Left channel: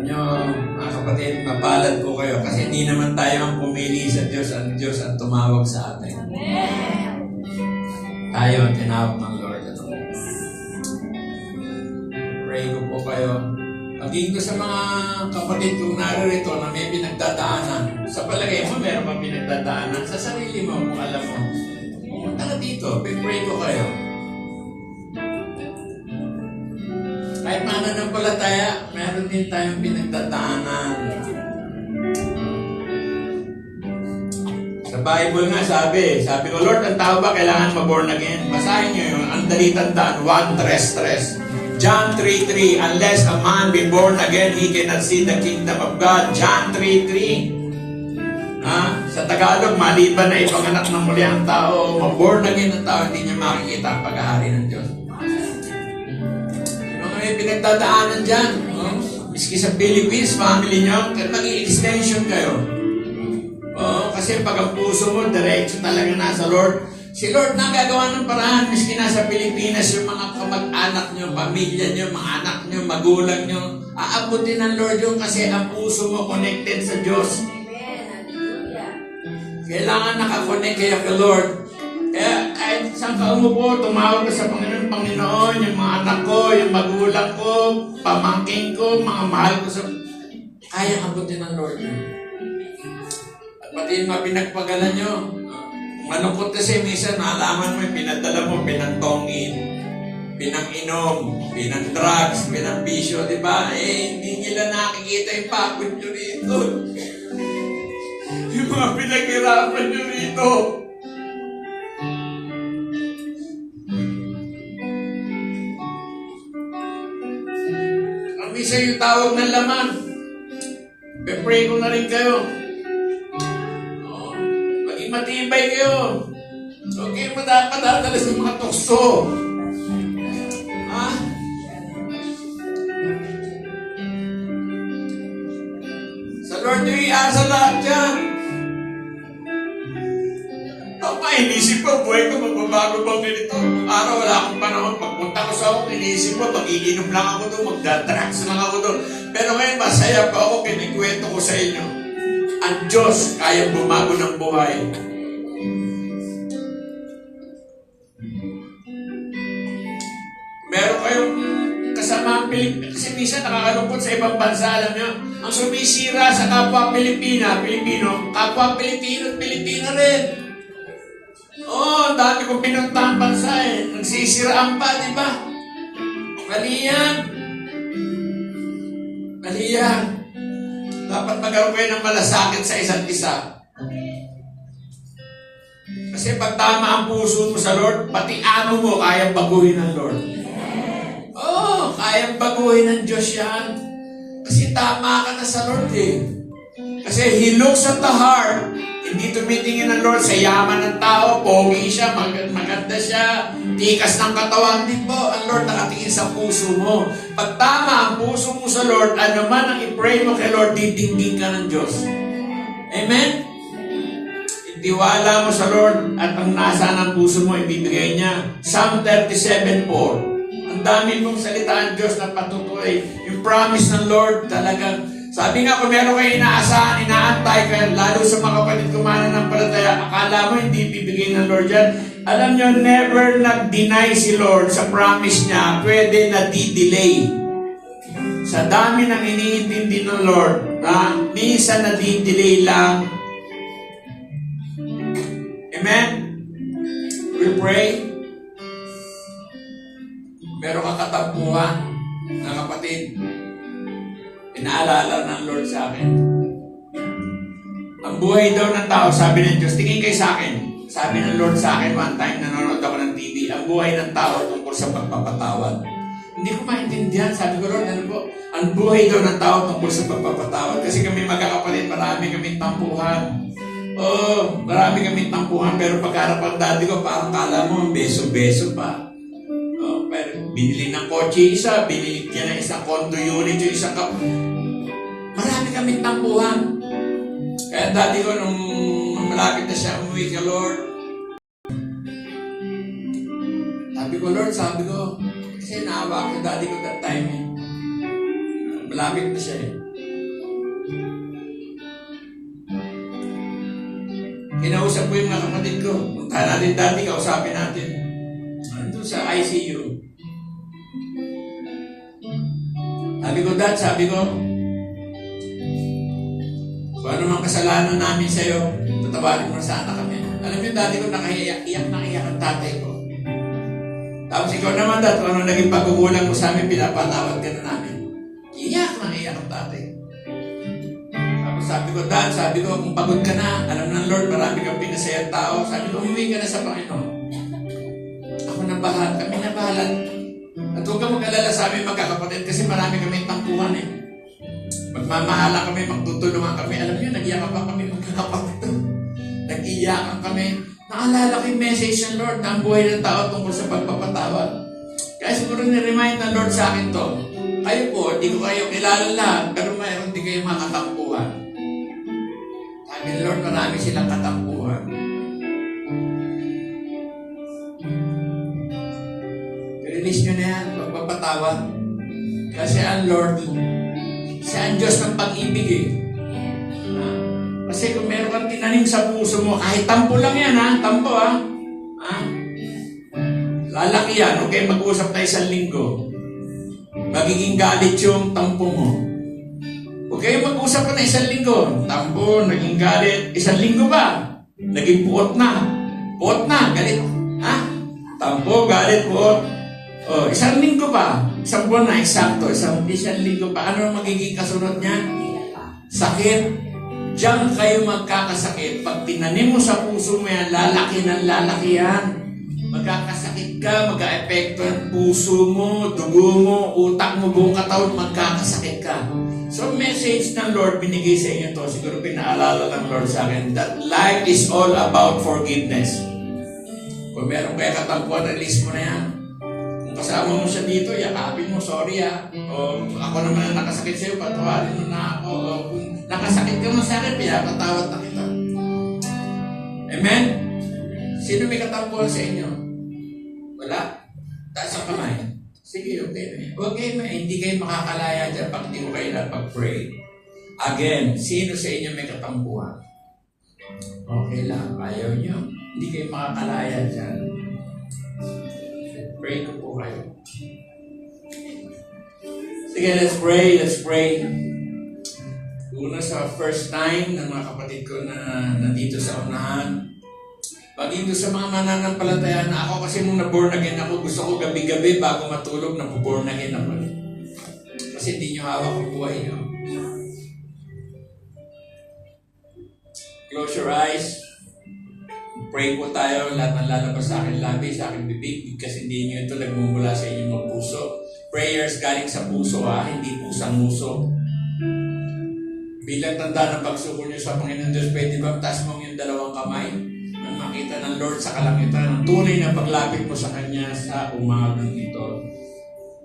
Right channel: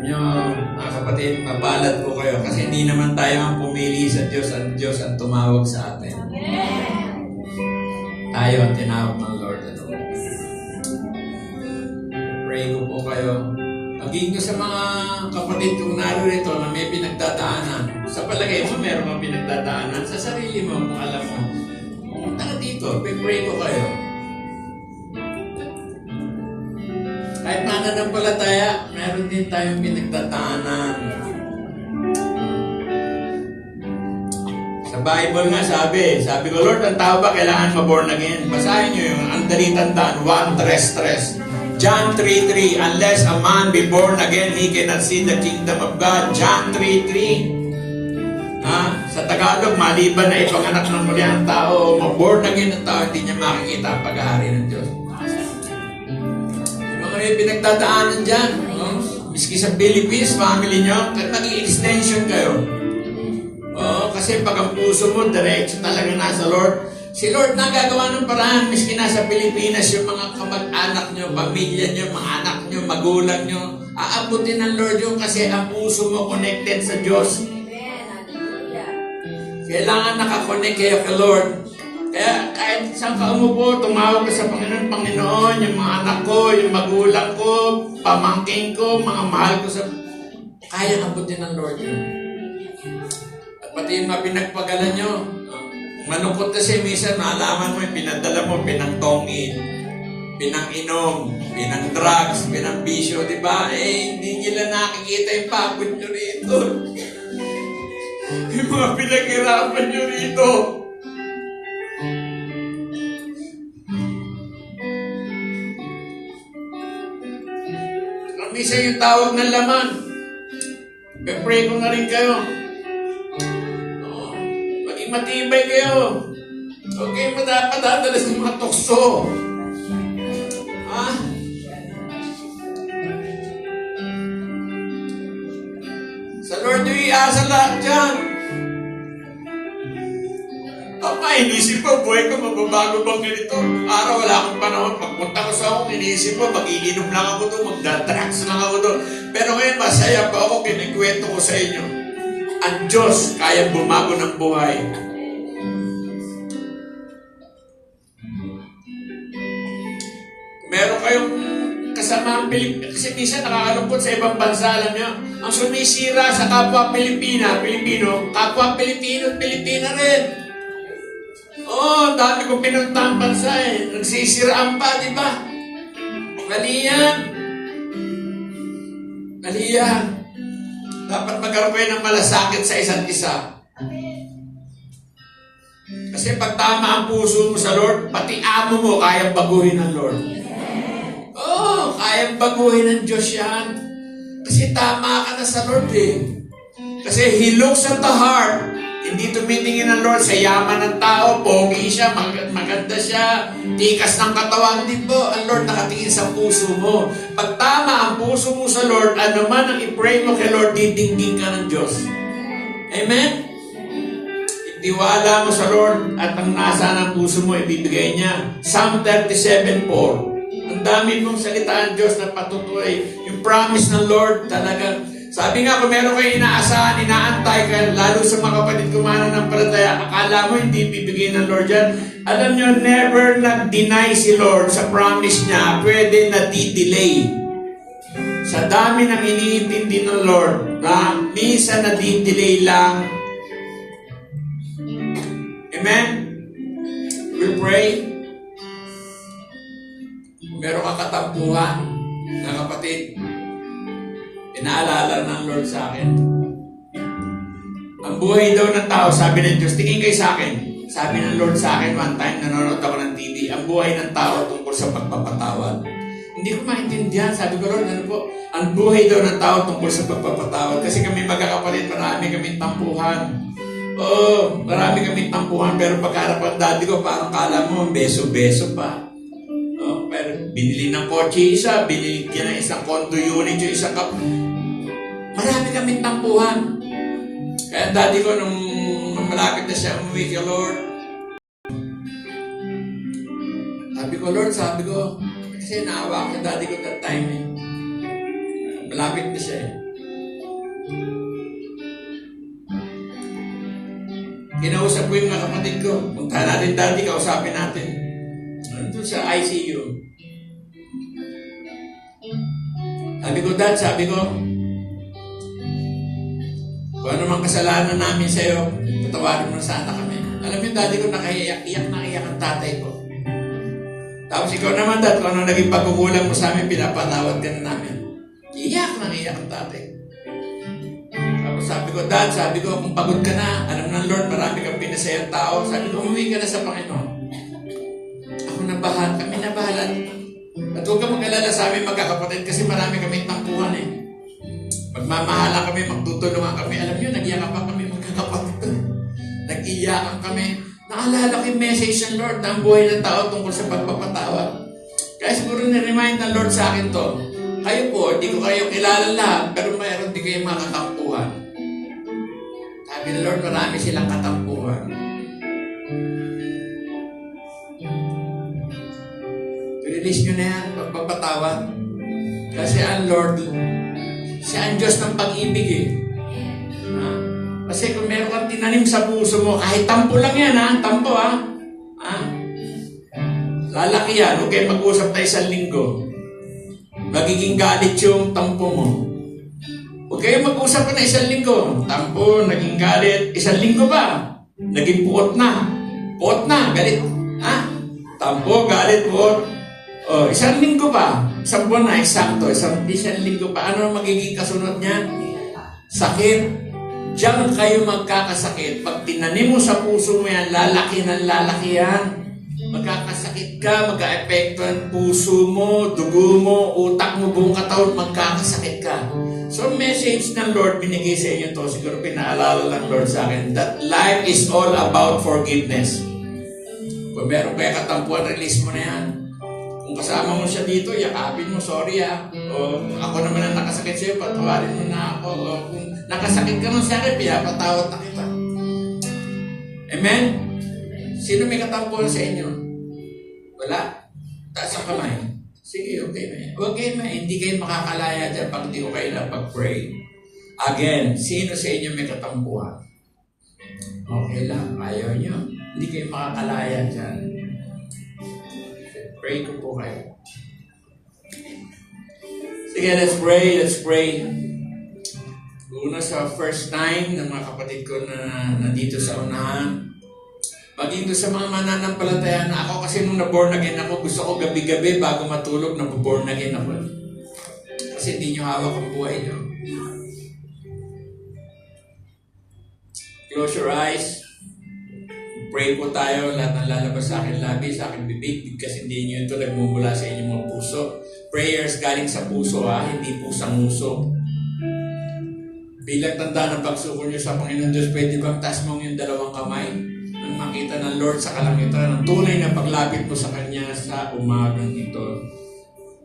Alam nyo, mga kapatid, mapalad ko kayo kasi hindi naman tayo ang pumili sa Diyos at Diyos ang tumawag sa atin. Tayo ang tinawag ng Lord. Pray ko po kayo. Maging ko sa mga kapatid kung narito na may pinagdadaanan. Sa palagay mo, meron mga pinagdadaanan. Sa sarili mo, kung alam mo. Pumunta ka dito, pray ko kayo. Kahit mananampalataya, meron din tayong pinagdadaanan. Sa Bible nga sabi ko, Lord, ang tao ba kailangan ma-born again? Basahin nyo yun, ang dalitandaan, 1:3. John 3:3, unless a man be born again, he cannot see the kingdom of God. John 3:3. Sa Tagalog, maliban na ipanganak ng muli ang tao, ma-born again ang tao, hindi niya makikita ang pag-ahari ng Diyos. May pinagdadaanan dyan. No? Miski sa Philippines, family nyo, maging extension kayo. Kasi pag ang puso mo, diretso talaga nasa Lord. Si Lord na gagawa ng paraan, miski nasa Pilipinas, yung mga kamag-anak nyo, pamilya nyo, mga anak nyo, magulang nyo, aabutin ng Lord yung kasi ang puso mo connected sa Diyos. Kailangan nakakonect kayo kay Lord. Kaya kahit saan ka umupo, tumawag ka sa Panginoon, yung mga anak ko, yung magulang ko, pamangking ko, mga mahal ko sa... Kaya abutin ng Lord yun. At pati yung mga pinagpagalan nyo, malungkot kasi minsan maalaman mo, pinadala mo, pinangtongin, pinang-inom, pinang-drugs, pinang-bisyo, di ba? Hindi nila nakikita yung pagod nyo rito. Yung mga pinaghirapan nyo rito. Isa yung tawag ng laman. Pray ko na rin kayo. Maging matibay kayo. Huwag kayo madapadadala sa mga tukso. Sa Lord yung iasa lahat dyan. Inisip ko, buhay ko, magbabago bang ganito? Araw, wala akong panahon. Pagpunta ko sa ako, inisip ko, mag-iinom lang ako doon, magdadrugs lang ako doon. Pero ngayon, masaya pa ako, kinikwento ko sa inyo. Ang Diyos, kaya bumago ng buhay. Meron kayong kasama ang Pilipino. Kasi minsan nakakalungkot sa ibang bansa, alam nyo, ang sumisira sa kapwa Pilipino, kapwa Pilipino rin. Ang dami kong pinuntang bansa nagsisiraan pa, di ba? Mali yan. Dapat magkaroon ng malasakit sa isa't isa. Kasi pag tama ang puso mo sa Lord, pati amo mo kayang baguhin ng Lord. Kayang baguhin ng Diyos yan. Kasi tama ka na sa Lord Kasi He looks at the heart. Hindi tumitingin ng Lord sa yaman ng tao, pogi siya, maganda siya, tikas ng katawan. Hindi po, ang Lord nakatingin sa puso mo. Pag tama ang puso mo sa Lord, ano man ang i-pray mo kay Lord, didinggin ka ng Diyos. Amen? Itiwala mo sa Lord at ang nasa ng puso mo, ibibigay niya. Psalm 37:4. Ang dami mong salita ng Diyos na patutuloy. Yung promise ng Lord talaga. Sabi nga, kung meron kayo inaasahan, inaantay ka, lalo sa mga kapatid kumanan ng palataya, akala mo hindi bibigay ng Lord yan. Alam nyo, never nag-deny si Lord sa promise niya. Pwede na di-delay. Sa dami ng iniintindi ng Lord, minsan na di-delay lang. Amen? We pray. Meron ka katampuhan na kapatid, pinaalala ng Lord sa akin. Ang buhay daw ng tao, sabi ng Diyos, tingin kayo sa akin. Sabi ng Lord sa akin, one time, nanonood ako ng TV, ang buhay ng tao tungkol sa pagpapatawad. Hindi ko maintindihan. Sabi ko, Lord, ano po? Ang buhay daw ng tao tungkol sa pagpapatawad. Kasi kami magkakapalit, marami kami tampuhan. Marami kami tampuhan, pero pagkalap ang daddy ko, parang kala mo, beso-beso pa. Pero binili ng kotse isa, binili niya ng isang condo unit yung isang kap. Marami kami tampuhan. Kaya daddy ko, nung malapit na siya umuwi kay Lord, sabi ko, kasi naawa ako daddy ko that time. Malapit na siya Kinausap ko yung mga kapatid ko. Punta natin dati, kausapin natin. Nandun sa ICU. Sabi ko, Dad, kung ano mang kasalanan namin sa'yo, patawarin mo sana kami. Alam mo, dati ko nakaiyak ang tatay ko. Tapos ikaw naman, Dad, kung ano naging pagkukulang mo sa amin, pinapatawad ka na namin. Iyak ang tatay. Tapos sabi ko, kung pagod ka na, alam ng Lord, marami kang pinasayang tao. Sabi ko, umuwi ka na sa Panginoon. Ako na bahala, kami na bahala. At huwag ka mag-alala sa amin magkakapatid kasi marami kami tampuhan eh. Magmamahala kami, magtutulungan kami. Alam niyo, nag-iyakan pa kami magkakapatid. Nag-iyakan kami. Naalala ko yung message ng Lord na ang buhay ng tao tungkol sa pagpapatawad. Kaya siguro ni-remind ng Lord sa akin to. Kayo po, di ko kayo kilala lahat, pero mayroon di kayo mga katampuhan. Sabi ng Lord, marami silang katampuhan. Release nyo na yan, pagpapatawad. Kasi ang Lord, siya ang Diyos ng pag-ibig eh. Kasi kung meron kang tinanim sa puso mo, kahit tampo lang yan tampo lalaki yan, huwag kayo mag-usap na 1 linggo. Magiging galit yung tampo mo. Huwag kayo mag-usap na 1 linggo. Tampo, naging galit. 1 linggo ba? Naging puot na. Puot na, galit. Tampo, galit, puot. 1 linggo pa. 1 buwan na, eksakto. 1 linggo pa. Ano magiging kasunod niya? Sakit. Diyan kayo magkakasakit. Pag tinanim mo sa puso mo yan, lalaki ng lalaki yan. Magkakasakit ka, mag-a-epekto ang puso mo, dugo mo, utak mo, buong katawan, magkakasakit ka. So, message ng Lord binigay sa inyo to. Siguro pinaalala ng Lord sa akin that life is all about forgiveness. Kung meron kayo katampuan, release mo na yan. Kung kasama mo siya dito, yakapin mo, sorry O ako naman ang nakasakit sa'yo, patawarin mo na ako. O kung nakasakit ka mo sa akin, pinapatawad na kita. Amen? Sino may katampuan sa inyo? Wala? Taas ang kamay. Sige, okay na yan. Okay na, hindi kayo makakalaya dyan pag hindi ko kayo napag-pray. Again, sino sa inyo may katampuan? Okay lang, ayaw nyo. Hindi kayo makakalaya dyan. Pray ko po kayo. Sige, let's pray. Una sa first time ng mga kapatid ko na nandito sa unahan. Paging sa mga mananampalataya na ako kasi nung na-born again ako, gusto ko gabi-gabi bago matulog na born again ako. Kasi hindi nyo hawak ang buhay nyo. Close your eyes. Pray po tayo, lahat ng lalabas sa akin labi, sa akin bibig, kasi hindi nyo ito nagmumula sa inyong mga puso. Prayers galing sa puso, hindi pusang uso. Bilang tanda ng pagsuko nyo sa Panginoon Diyos, pwede bang taas mong yung 2 kamay? Nang makita ng Lord sa kalangitan, ang tunay na paglapit mo sa Kanya sa umagang ito.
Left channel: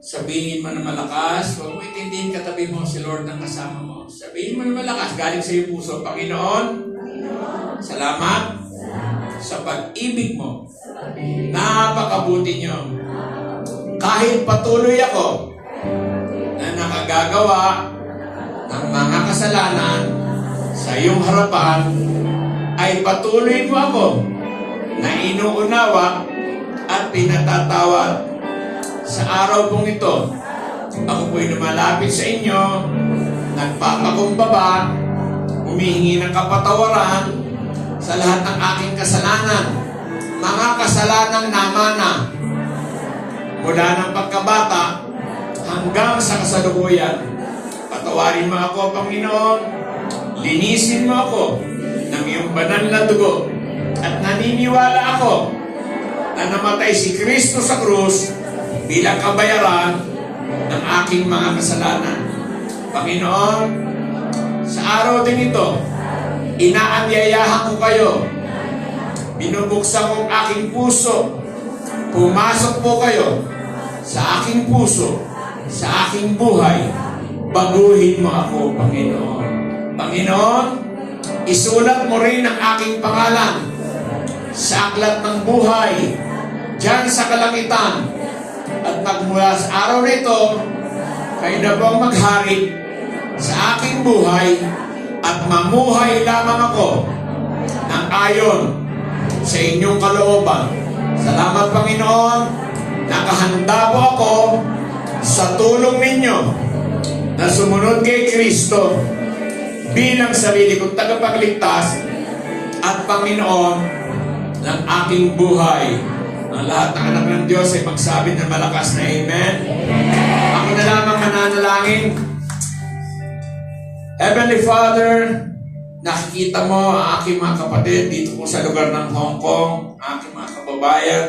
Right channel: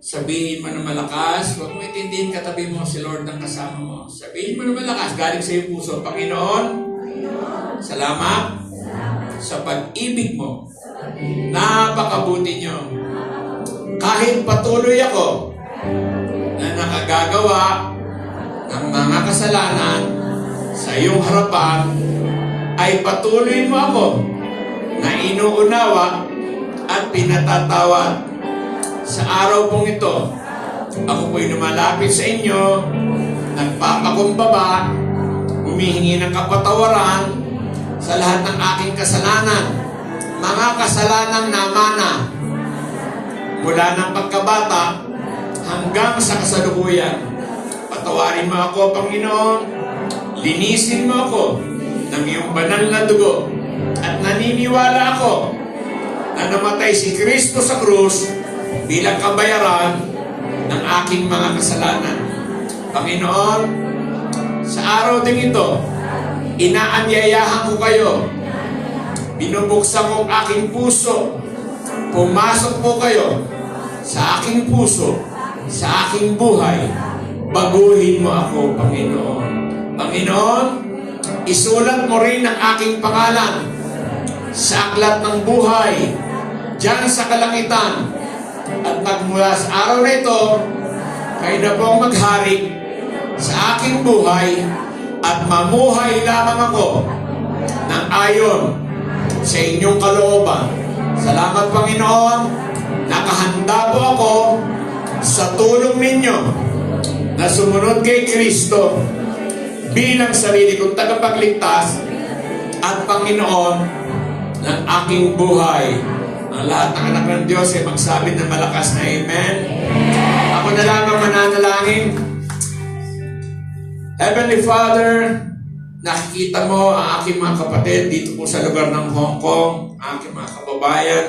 Sabihin mo na malakas, huwag mo itindihin katabi mo si Lord ng kasama mo. Sabihin mo na malakas, galing sa iyong puso, Panginoon, salamat sa pag-ibig mo. Napakabuti niyo. Kahit patuloy ako na nakagagawa ng mga kasalanan sa iyong harapan, ay patuloy mo ako na inuunawa at pinatatawad. Sa araw pong ito, ako po'y lumalapit sa inyo, nagpapakumbaba, humihingi ng kapatawaran sa lahat ng aking kasalanan, mga kasalanan na mana, mula ng pagkabata hanggang sa kasalukuyan. Patawarin mo ako, Panginoon, linisin mo ako ng iyong banal na dugo, at naniniwala ako na namatay si Kristo sa krus bilang kabayaran ng aking mga kasalanan. Panginoon, sa araw din ito, inaanyayahan ko kayo. Binubuksan ko ang aking puso. Pumasok po kayo sa aking puso, sa aking buhay. Baguhin mo ako, Panginoon. Panginoon, isulat mo rin ang aking pangalan sa aklat ng buhay diyan sa kalangitan. At nagmula sa araw na ito, kayo na po ang maghari sa aking aking buhay at mamuhay lamang ako ng ayon sa inyong kalooban. Salamat, Panginoon, nakahanda po ako sa tulong ninyo na sumunod kay Kristo bilang sarili kong tagapagligtas at Panginoon ng aking buhay. Ang lahat ng anak ng Diyos ay magsabi ng malakas na Amen. Ako na lang ang mananalangin. Heavenly Father, nakikita mo ang aking mga kapatid dito po sa lugar ng Hong Kong, ang aking mga kababayan.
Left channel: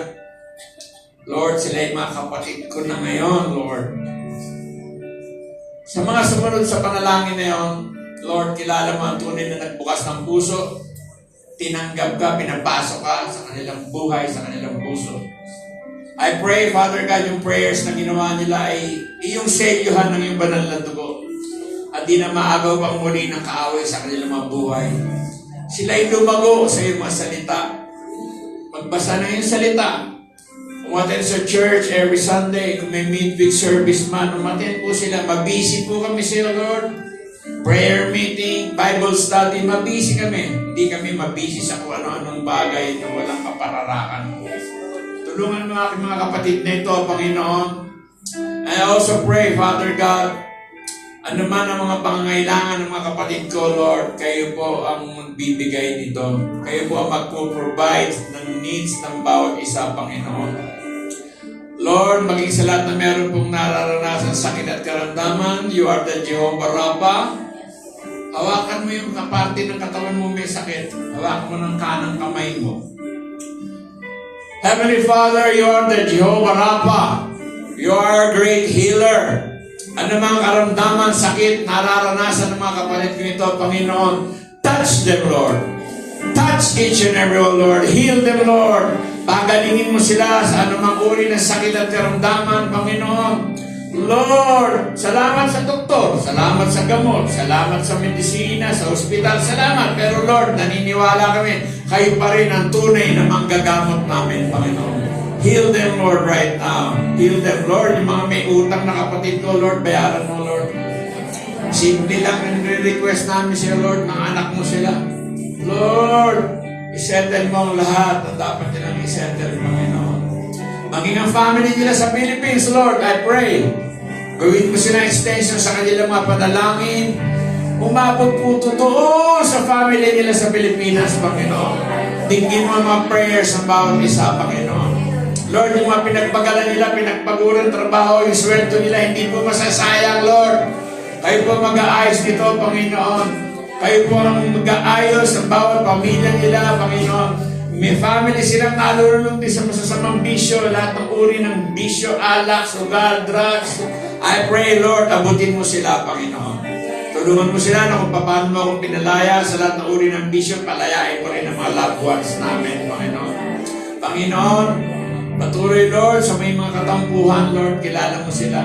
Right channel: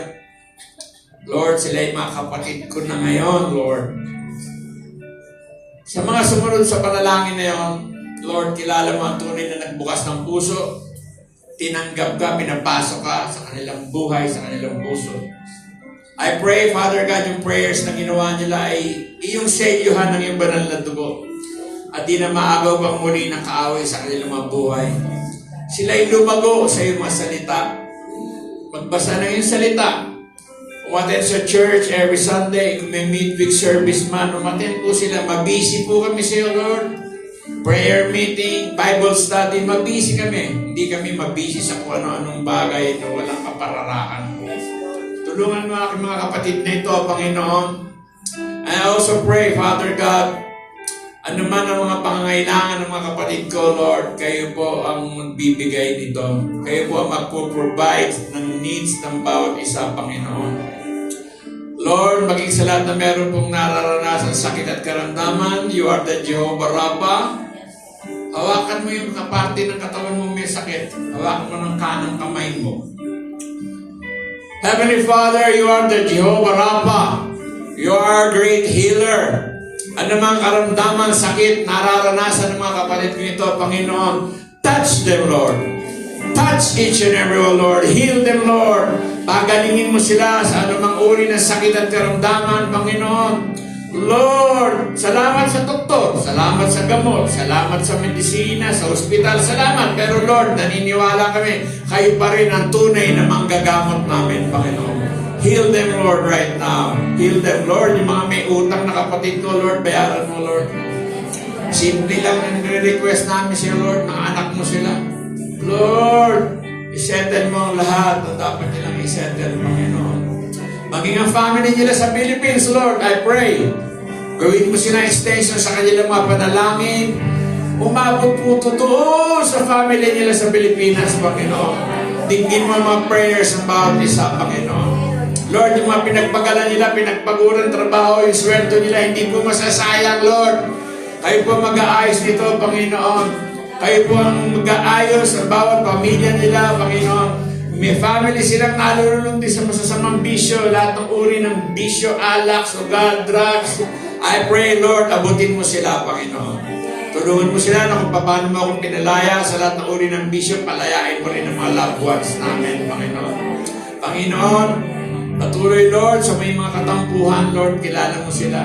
Lord, sila ay mga kapatid ko na ngayon, Lord. Sa mga sumunod sa panalangin na yun, Lord, kilala mo ang tunay na nagbukas ng puso. Tinanggap ka, pinapasok ka sa kanilang buhay, sa kanilang puso. I pray, Father God, yung prayers na ginawa nila ay iyong selyuhan ng iyong banal na dugo. At di na maagaw pang muli ng kaaway sa kanilang mga buhay. Sila ay lumago sa iyong mga salita. Magbasa na yung salita. Umaten sa church every Sunday. Kung may midweek service man, umaten po sila. Mabisi po kami sa iyo, Lord. Prayer meeting, Bible study, mabisi kami. Hindi kami mabisi sa kung ano-anong bagay na walang kapararakan. Tulungan mo aking mga kapatid na ito, Panginoon. I also pray, Father God, ano man ang mga pangangailangan ng mga kapatid ko, Lord, kayo po ang magbibigay nito. Kayo po ang magpo-provide ng needs ng bawat isa, Panginoon. Lord, maging sa lahat na meron pong nararanasan sakit at karamdaman, you are the Jehovah Rapha. Hawakan mo yung kaparte ng katawan mo may sakit. Hawakan mo ng kanang kamay mo. Heavenly Father, you are the Jehovah Rapha. You are a great healer. Ano mang karamdaman, sakit, nararanasan ng mga kapatid ko ito, Panginoon, touch them, Lord. Touch each and every one, Lord. Heal them, Lord. Pagalingin mo sila sa anumang uri ng sakit at karamdaman, Panginoon. Lord, salamat sa doktor, salamat sa gamot, salamat sa medisina, sa ospital, salamat. Pero Lord, naniniwala kami, kayo pa rin ang tunay na manggagamot namin, Panginoon. Heal them, Lord, right now. Heal them, Lord. Yung mga may utang na kapatid ko, Lord, bayaran mo, Lord. Simple lang ang request namin sa'yo, Lord. Mga anak mo sila. Lord, isettle mo ang lahat na dapat nilang isettle, Panginoon. Maging ang family nila sa Philippines, Lord, I pray. Gawin mo sila extension sa kanilang mga panalangin. Umabot po totoo sa family nila sa Pilipinas, Panginoon. Dinggin mo ang mga prayers ng bawat isa, Panginoon. Lord, yung mga pinagpagalan nila, pinagpaguran trabaho, yung sweldo nila, hindi po masasayang, Lord. Kayo po mag-aayos dito, Panginoon. Kayo po ang mag-aayos ng bawat pamilya nila, Panginoon. May family silang nalulunod din sa masasamang bisyo, lahat ng uri ng bisyo, alak, sugal, drugs. I pray, Lord, abutin mo sila, Panginoon. Tulungan mo sila na kung paano mo akong pinalaya sa lahat ng uri ng bisyo, palayain mo rin ang mga loved ones namin, Panginoon. Panginoon, patuloy, Lord, sa may mga katampuhan, Lord, kilala mo sila.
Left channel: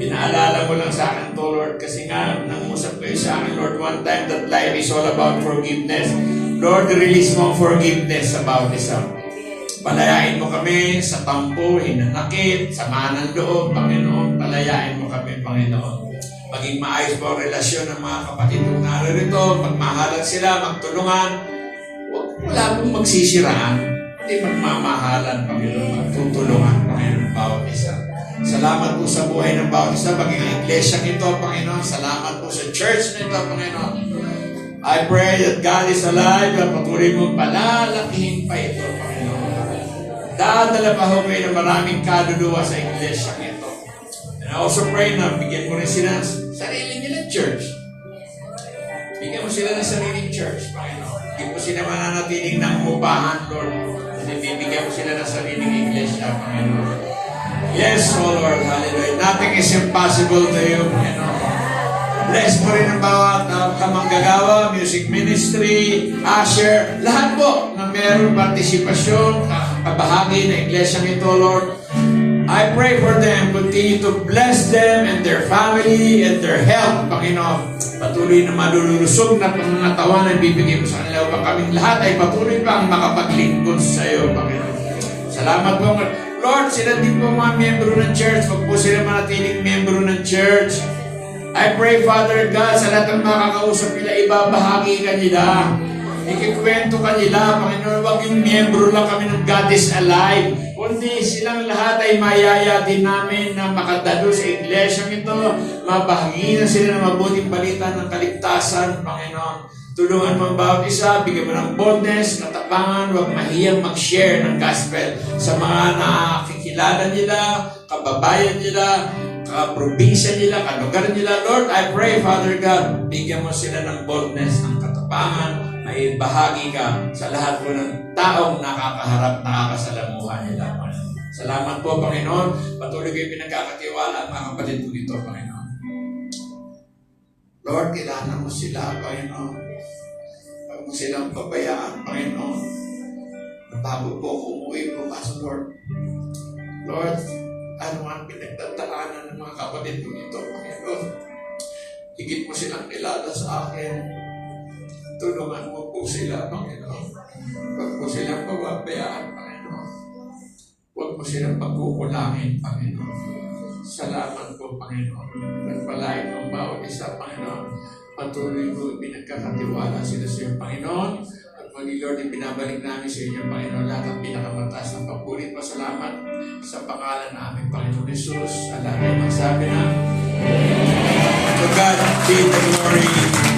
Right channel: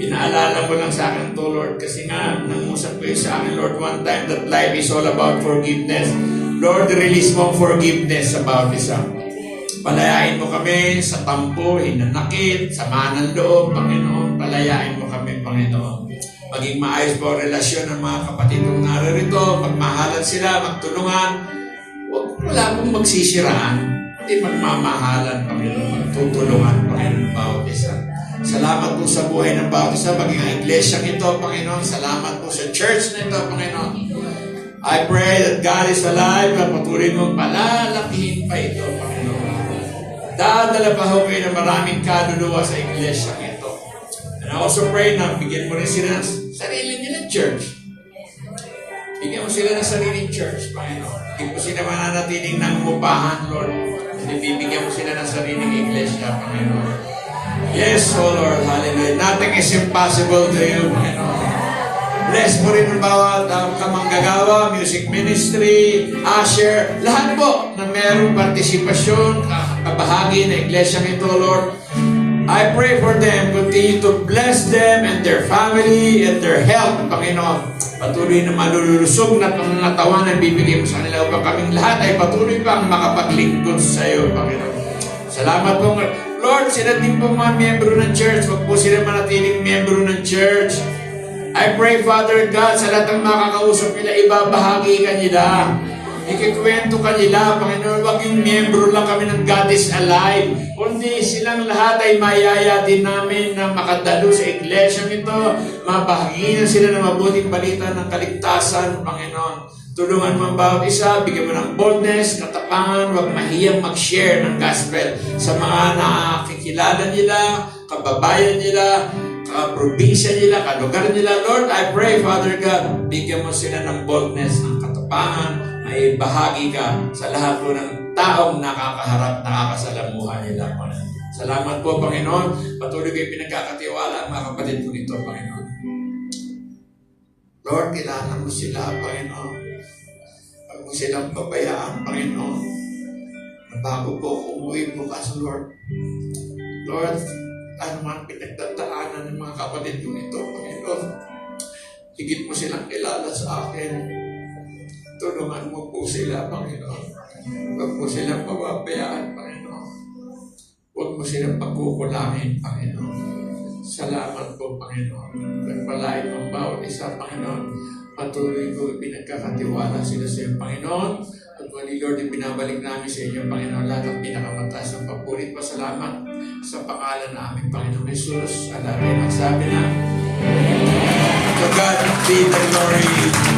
Pinaalala mo lang sa akin to, Lord, kasi nga, nangusap ko sa akin, Lord, one time that life is all about forgiveness. Lord, release mo forgiveness sa bawat isa. Palayain mo kami sa tampo, hinanakit, sama ng loob, Panginoon. Palayain mo kami, Panginoon. Maging maayos po ang relasyon ng mga kapatid kong naririto, magmahalan sila, magtulungan. Wala pong magsisiraan. Hindi magmamahalan, Panginoon. Tutulungan, Panginoon, bawat isa. Salamat po sa buhay ng bawat isa, maging ang iglesia ito, Panginoon. Salamat po sa church na ito, Panginoon. I pray that God is alive na patuloy mong palalakihin pa ito, Panginoon. Dadala pa ho kayo ng maraming kaluluwa sa iglesia ito. And I also pray na bigyan mo rin sila ng sarili nilang church. Bigyan mo sila ng sariling church, Panginoon. Hindi po sila mananatiling nangupahan, Lord. Hindi bibigyan mo sila ng sariling iglesia, Panginoon. Yes, O Lord, hallelujah. Nothing is impossible to you, Panginoon. Bless mo rin ang bawat kamanggagawa, music ministry, usher, lahat po na mayroong partisipasyon, kabahagi ng iglesia nito, Lord. I pray for them, continue to bless them and their family and their health, Panginoon. Patuloy na malululusog na pangangatawan ang bibigay mo sa kanila upang kaming lahat ay patuloy pang makapaglingkod sa iyo, Panginoon. Salamat po, Lord, sila din po mga membro ng church. Huwag po sila manatiling membro ng church. I I pray, Father God, sa lahat ng makakausap nila, ibabahagi ka nila. Ikikwento ka nila, Panginoon, wag yung membro lang kami ng God is Alive. Kundi silang lahat ay mayaya din namin na makadalo sa iglesia ito. Mabahaginan sila ng mabuting balita ng kaligtasan, Panginoon. Tulungan mo ang bawat isa, bigyan mo ng boldness, katapangan, huwag mahiyang mag-share ng gospel sa mga nakikilala nila, kababayan nila, kaprobinsya nila, kalugar nila. Lord, I pray, Father God, bigyan mo sila ng boldness, ng katapangan, may bahagi ka sa lahat po ng taong nakakaharap, nakakasalamuha nila. Salamat po, Panginoon. Patuloy kayo pinagkakatiwala ang mga kapatid ko nito, Panginoon. Lord, kilala mo sila, Panginoon. Huwag mo silang pabayaan, Panginoon. Bago po ako umuwi bukas, Lord. Lord, ano man pinagdadaanan ng mga kapatid ko nito, Panginoon. Higit mo silang kilala sa akin. Tulungan mo po sila, Panginoon. Huwag mo silang pababayaan, Panginoon. Huwag mo silang pagkukulangin, Panginoon. Salamat po, Panginoon. Nagpalain ang bawat isa, Panginoon. Patuloy ko pinagkakatiwala sila sa iyo, Panginoon. At muli, Lord, ibinabalik namin sa inyo, Panginoon, lahat ang pinakamataas ng pagpulit. Pasalamat sa pangalan namin, Panginoon Jesus. Alagay ng sabi na, to God be the glory.